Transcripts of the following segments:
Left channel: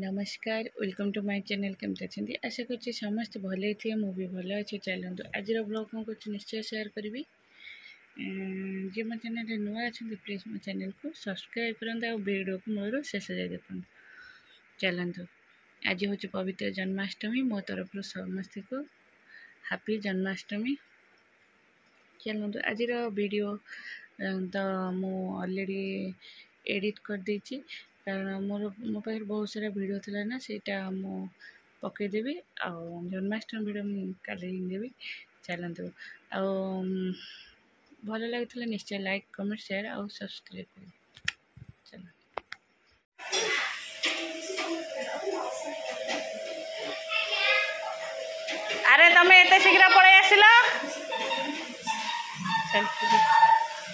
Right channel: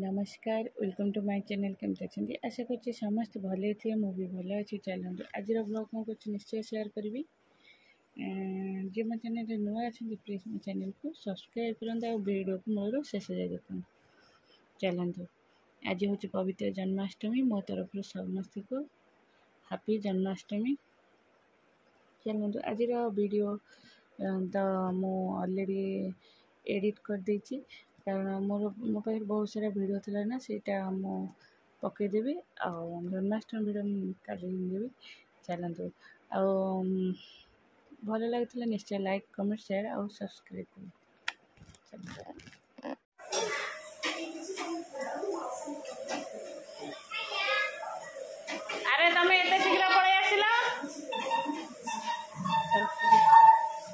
नमस्कार welcome to my channel केमती अच्छे आशा कर समस्त भले थे मु भी भल अच्छी चलतु आज ब्लॉग कौन कर निश्चय शेयर करी जी मो चैनल नुआ अच्छा प्लीज मो चैनल को सब्सक्राइब करते वीडियो को मूल शेष जाए देखते चलतु आज हूँ पवित्र जन्माष्टमी मो तरफ समस्त को हैप्पी जन्माष्टमी। चलतु आज वीडियो तो मु ऑलरेडी एडिट कर देची कारण मोर मो पाखे बहुत सारा वीडियो थी ना सेटा मु पकईदेवी आ जन्माष्टमी वीडियो काली देवी। चलतु आ भल लगे निश्चय लाइक कमेंट शेयर और सब्सक्राइब कर। अरे तमें एत शीघ्र पड़े आसिल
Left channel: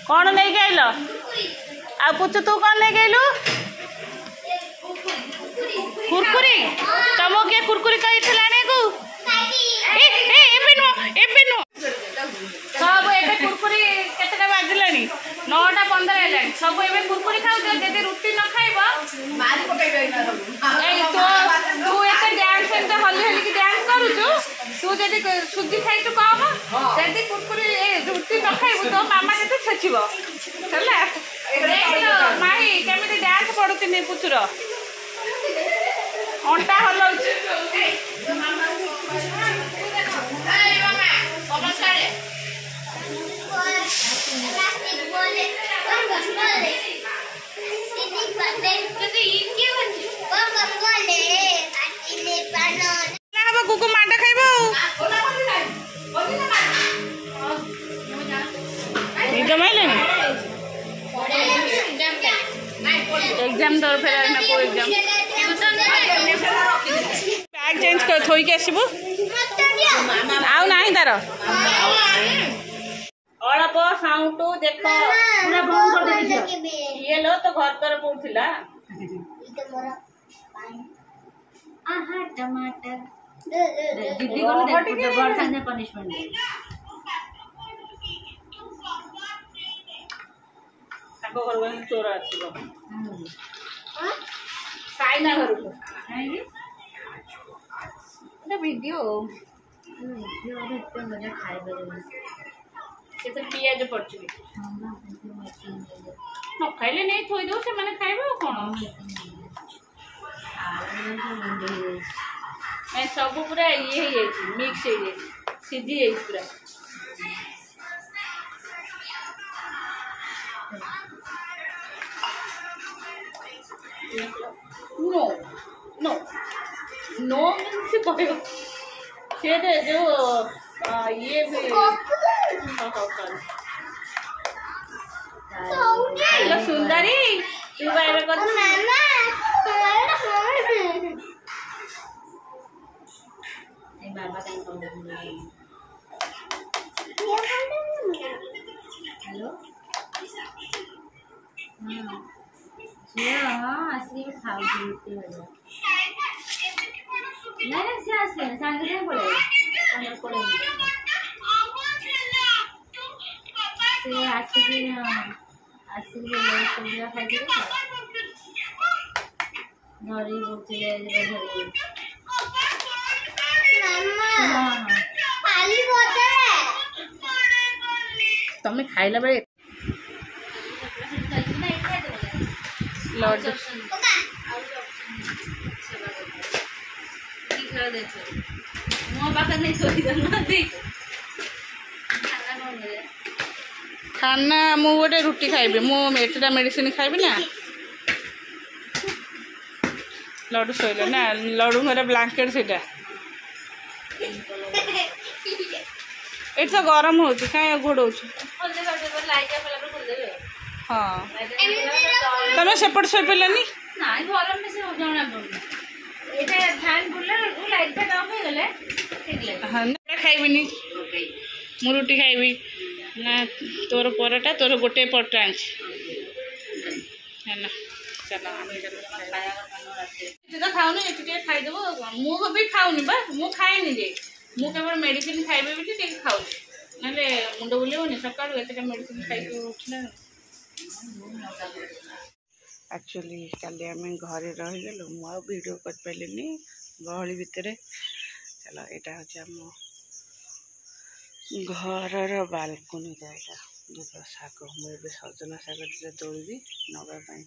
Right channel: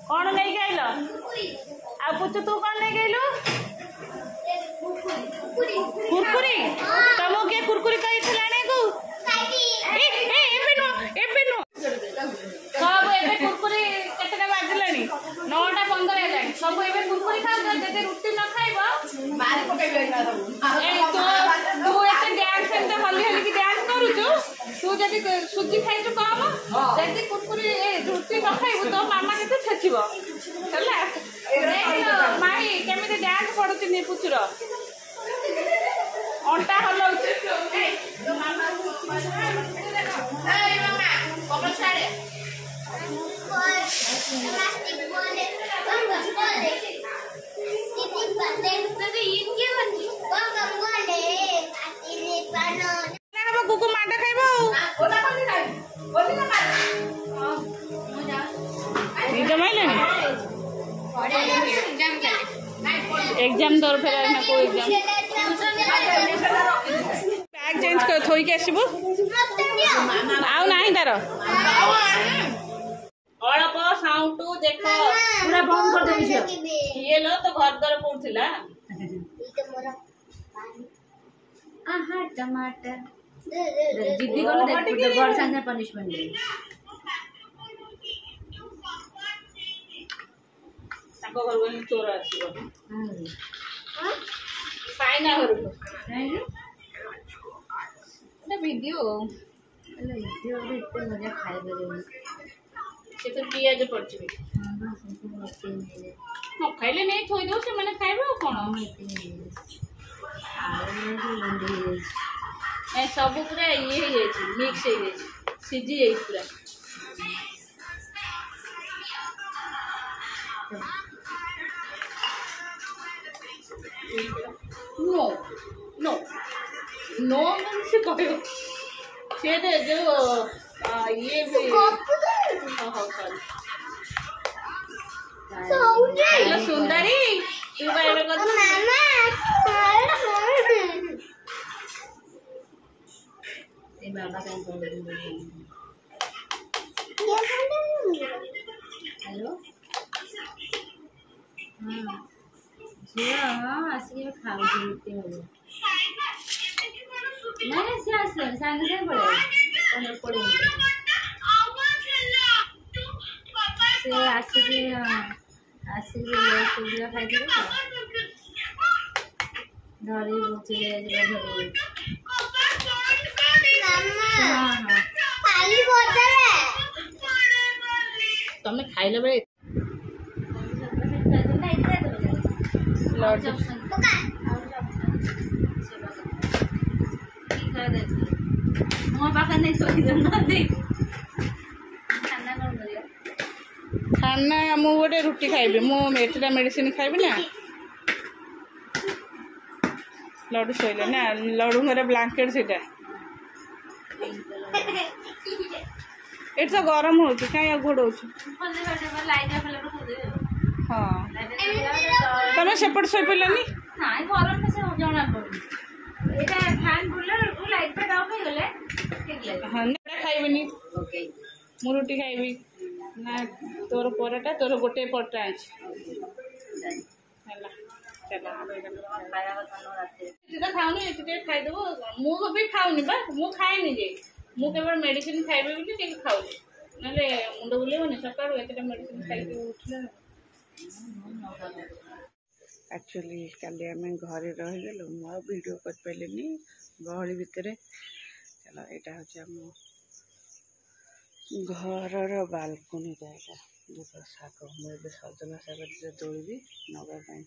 कौन नहीं गल आ पुचु तू कौन नहीं गलु कुरकुरी तुमको किए कुरकुरी कही को सब ए कुरकुरी केतटा बाजिलानी 9:15 है सब ए कुरकुरी खाऊ जदि रुटी न खाइब मारी पकाइबे ना सब तू एते डांस एते हल्ली हल्ली की डांस करूछु तू जदि सुजी खाइछु कम जदि कुरकुरी रुटी न खाइबु तो मामा केते छेचिबो चला माही केमिति डांस पडुछि ने पुचुर अंटा हलाउछि कुकु मांड खाइब जमाइले एग्जाम दर फेर ना को एग्जाम बैग चेंज कर थोई के आसीबो आउ नाही तार अल्प साउंड देख पूरा बंद कर देबी ये लो तो घर द्वार पड़थिला आहा टमाटर जिद्दी को दे बड़ संगे पनिशमेंट दे ताको घर में चोर आसीबो साइना घर को ना वीडियो इतने मजा खाए बजे से तो पियाज पड़छ न खाइले नहीं थोई दो से माने खाइबो कोन ए सब पूरा ये है मिक्स है सीजी है पूरा नो नो नो से कहबो से दे जो ये भी हेलो सुंदरी तू बारे को मामा ए बाबा कहीं बोल हेलो ये हां असली में खा लेते हो नहीं से असली संग से पड़े पड़े से आसिकी ले तो खाई दे नरी बोचले धरे मम्मा खाली बोतल तमे खाइला बे लॉर्ड मो पाखा नहीं सोई दना दे खाना मु गोटे रुटी खाइबे मु एटा मेडिसिन खाइबे ना लड्डू सोइले ना लड्डू मेरा ब्लैंकेट सेटा एट तो गरम होची काई घोड़ौ हाँ तमें सेपट सोई पड़लानी नाइ गरम में से जणा पड़नी एटा फैन बुलर ओ लाइट पे ऑफ हो गले ठीक लागे हां ना खाइबिनी मु रोटी खाइबी ना तोर परोटा तोर गोटे परोटा आंछ है ना चला आमे खाया करनो राते जे खाउनी एटी खाइ देबो मु भी खाउनी बा मु खाइनी जे मु केवल मेडिसिन खाइबे बिली टिक खाउ नले मुंड बुलेबोनी सकाळू एतटा मेडिसिन खाइ उठला एक्चुअली काली आम घरे रहीगलु मु वीडियो कर पारे गहली भितर। चलो यहाँ हूँ आम घर बालकनी यहाँ देख शाग मुझे सजना शाग तोड़ी नवापाई।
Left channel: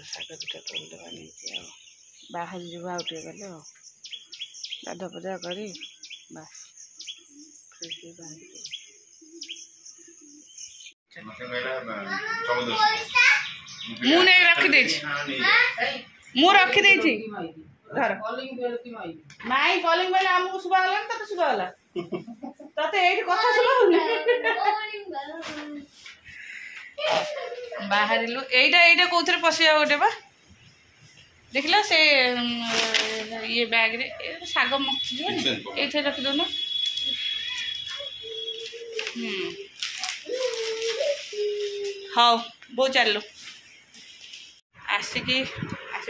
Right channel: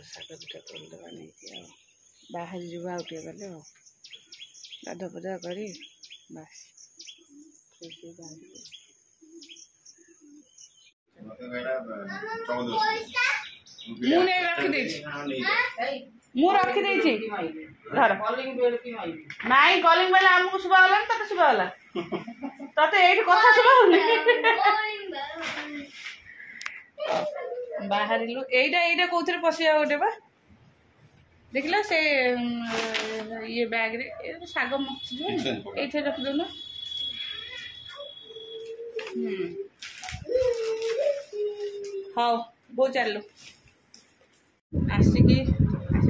शाग दुटा तोड़देवा नहीं बाहर जावा गले गाधा पदा कर बस मु नहीं रखी मु रखी धर नाई कॉलिंग बेल आमको शुभा गला तते शुभा गला तते एठी कथा शुभा बाहर लु एटा कौन पशिया गोटे बा देखला से ये बैग रे शाग मक्खी जो ये रखी दो ना। हाँ बो चलो आसिकी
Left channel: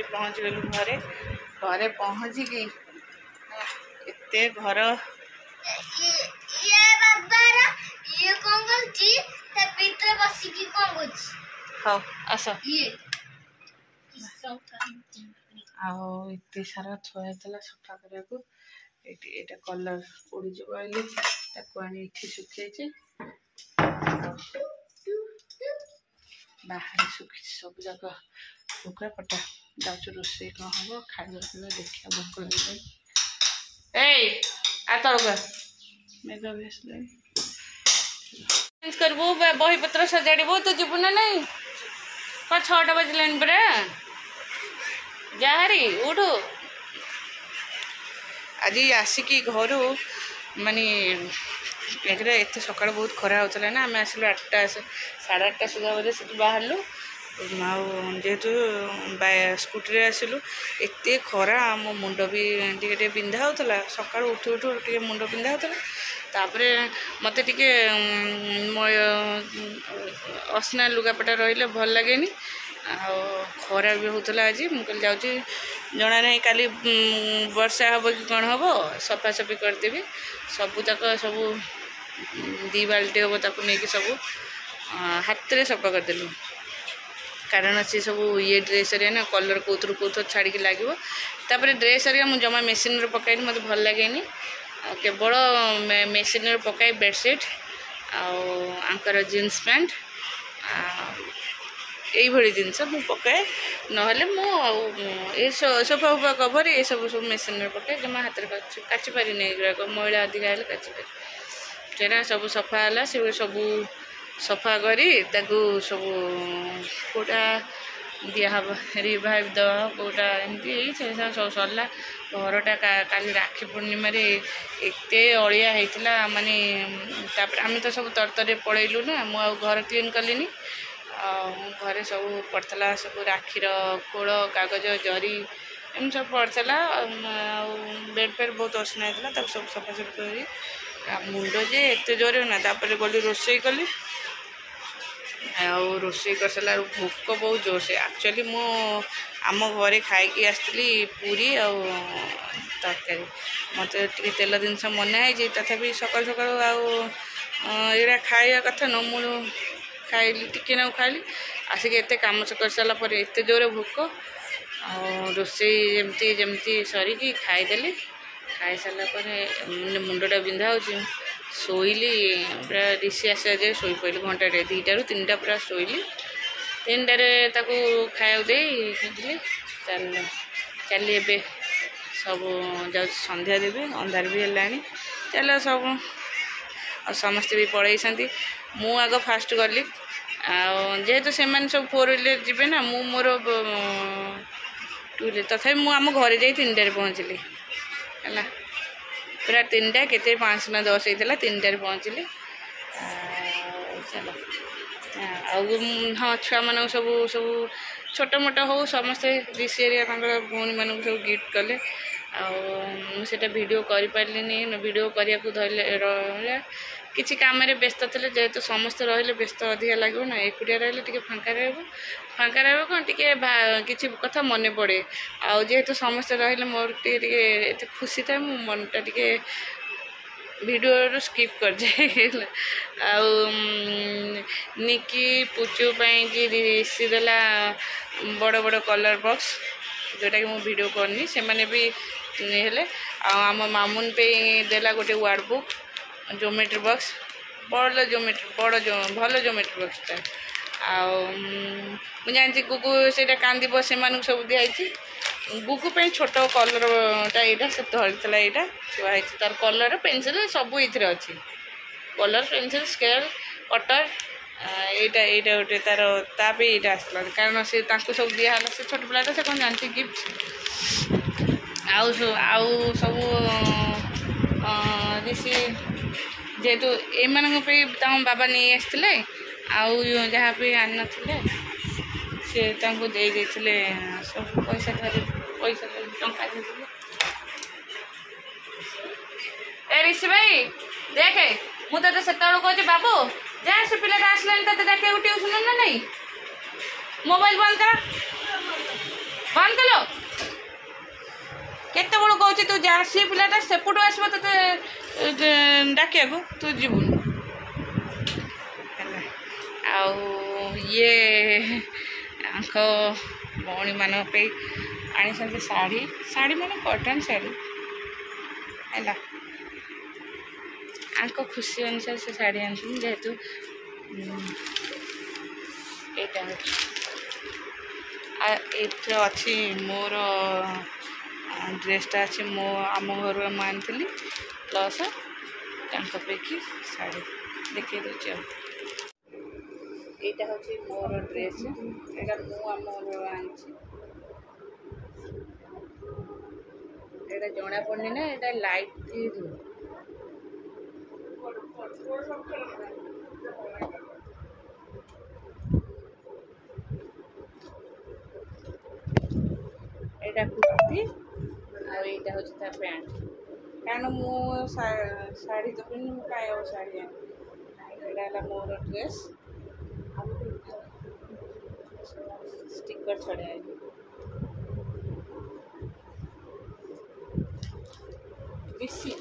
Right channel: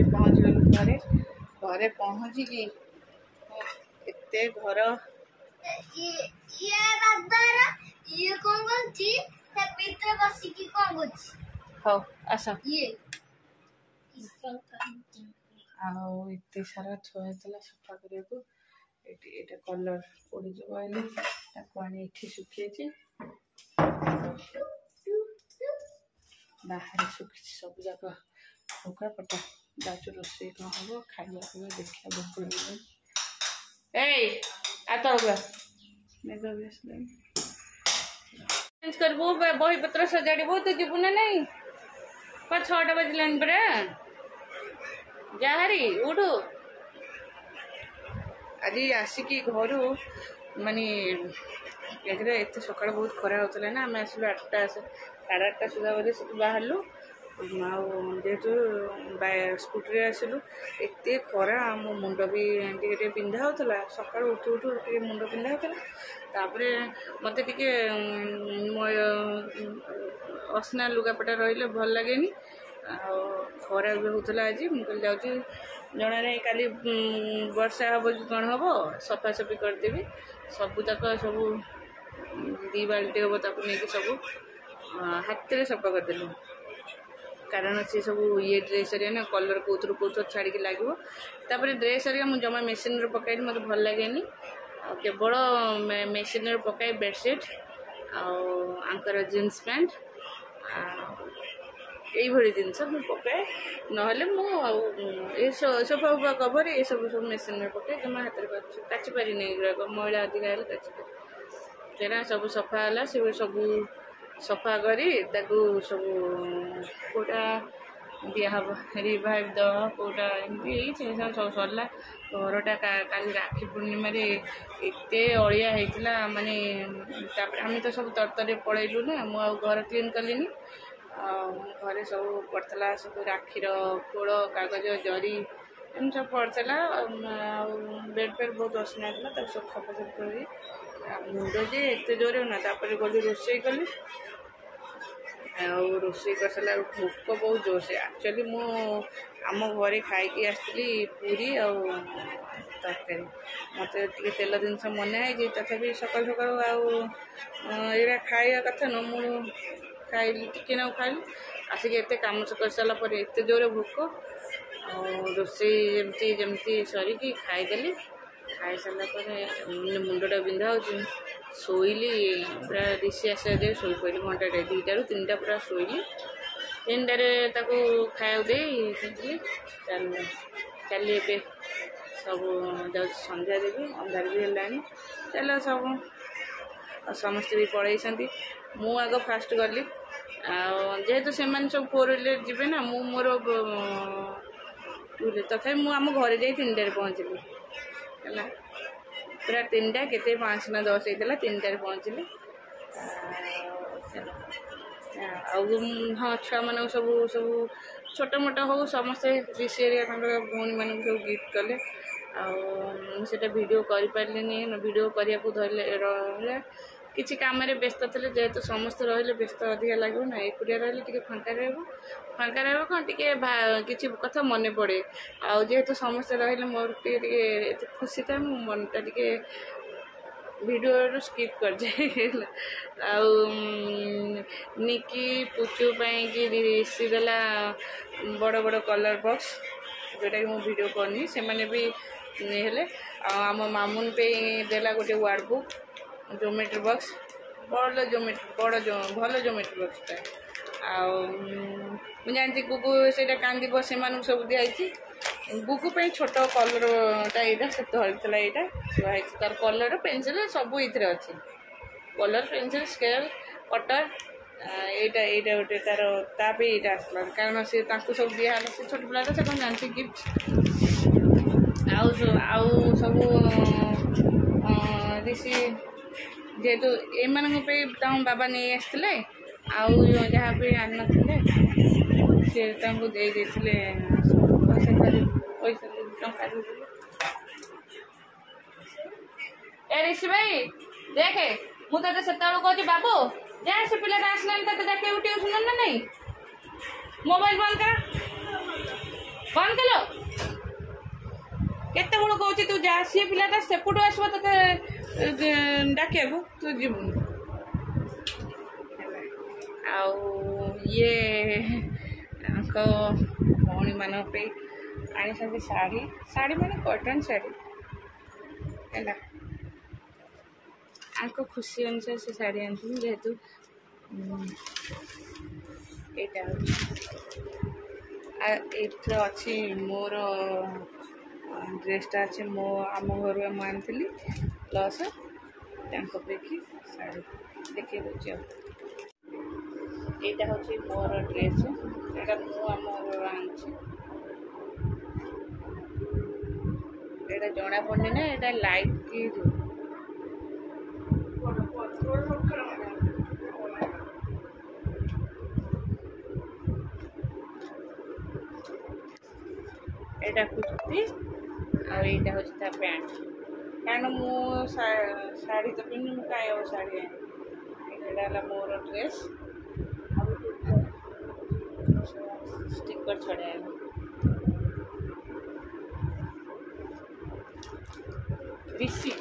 पहुँच गलु घरे घरे पहुँचिकी एते घर ये कौन करछि ते भीतर बसिकी कौन करछि। हाँ आस आते सारा थुआला सफा करने को ये कलर उड़ी जाइए आनी सुखी बाहर सुखी सब जाक भोका पटा जाऊँ रोसे कौन हम खावा पीवा देखा भोक लगे मेघ भी आसला करबू बही पत्र सजाड़बू तू जीवु ना नहीं कौन 6टा बजलानी परा जाहारी उठू आज आसिकी घर माने एक एत सका बहुत खरा होता ना आम आसलु 8टा 8:30 सुधा बोले से बाहर जेहेतु स्कूटी आसलु एत खरा मो मुंड भी टे पिंधा होता सका उठू उठू टे मुंड पिंधा होता तापर मत टे असना लुगापटा रही भल लगे खरा भी होता आज मुझे जाऊँगी जना नहीं काली वर्षा हम कि कौन हम सफासफी करदेवी सबूतक सब 2 बाल्टी हम ताक नहीं सब हाथ में सफा करदेलु कारण सी सब ये ड्रेस ना कलर कौथर कौथर छाड़ी लगे तापर ड्रेस मुझे जमा मेसीन पकड़ मत भल लगे केवल मेसीन पकाई बेडसीट आंकर जीन्स पैंट यही जिनस मुझे पकाए ना सोफा फुफा कवर ये सब सब मेसीन पकाए जमा हाथ में काची पारि नहीं मैला अधिका है काची पारि सेरा सब सफा है से सब सफा करी सब कोटा दिहब रिवाइव दवा कोटा एमती सब सरला घरटा काली राखी पूर्णिम एत अलिया होता माने आम तो सब तरतरे पलैलु ना मुझे घर क्लीन कली घरे सब पड़ता सब राखीर खोल कागज जरी एम सब पड़ता बेड पेड बहुत असना होता सब सफासफी कर मुंड जे एत जोरे ना तापर गली रोसे कली रोसे कर सारा भोक बहुत जोर से एक्चुअली मु आम घरे खाई आसती पूरी तरकारी मत टे तेल जिनस मना है तथापि सकाल सकाल आया खाया कथा न मु खाइली टिके ना खाइली आसिक एत कम कर सारापर एत जोर भोक रोसे जमती जमती सरिकी खाईदेली खाई सारापर मुंडटा बिंधा हो शोली पूरा ऋषि आसा जाए शोई पड़े घंटाटे 2टा ରୁ 3टा पूरा शोली 3टारे खाया दे चली ए सब जा संध्या देवी अंधार भी है चल सब समस्ते भी पलैं मु आग फास्ट गली जेहेतु से सब 4 व्हीलर जी ना मु मोर 2 व्हीलर तथा मुझे आम घर जा 3टारे पहुँचली है पूरा 3टा के 5 ना 10 होता 3टारे पहुँचली चलो हाँ छुआ मान सब सब छोट मोट हो समस्ते ऋषि एरिया भौणी मान सब गिफ्ट कले आटा भिडियो करें भिडियो करने को धरले किसी कम व्यस्त थे जेहेतु समस्ते रही व्यस्त अधिका लगे ना एकुटिया रही फाँका फाँका कौन टी कि कथा मन पड़े जेहेतु समस्ते रही मोर टे खुशी था मो मनटा टे भिडियो स्किप कर जाए निकी पुचु कि ऋषि देला बड़ बड़ कलर बॉक्स जोटा कि मुझे वीडियो करनी से मैंने भी हेले आम मामुन पे देला गोटे वार्ड बुक ज्योमेट्री बॉक्स बड़ ज्योमेट्री बड़ भल ज्योमेट्री बॉक्स था मुझे गुगु से कांदी से सब दिखाई बुकु पे छोट कलरटा यहाँ से धरता यहाँ थुआई तार कलर पेनसिल सब ये अच्छी कलर पेनसिल स्केल कटर यहाँ गोटे तार ताप यहाँ आसला कारण से सब दिहला से छोट पिलाटा से कौन जानती गिफ्ट आउ सब ऋषि जेहेतु एम बाबा नहीं आसते आउ जहाँ भी आन ना सी दे सब पैसा पैसा टंका ए ऋषि भाई देखे मुझे से कहूँ बाबू जा से पिलाटा आसला देखे ट्यूशन ना नहीं मोबाइल बंद कर बंद कलो केते बड़ कहूँ तू जा सी पिलाटा सेपटू आसब ते डाकिया को तू जीवुन ये भौणी मान आनी साड़ी साड़ी माने कॉटन साड़ी है आंको खुशी अनुसार से साड़ी आनी जेहेतु यहाँ अच्छी मोर ड्रेसटा अच्छी मो आम घर मुझे प्लस कि साड़ी देखिए दूसरी यहाँ हूँ मोर ड्रेस यहाँ मुझ घर आनी जना पड़नी ना यहाँ लाइट की एटा कुर्ती आईटा हूँ पैंट कारण मु शाढ़ी तो पिन्नी मुझे कहीं शाढ़ी यहाँ मोर ड्रेस स्टिकर छड़ा ऋषि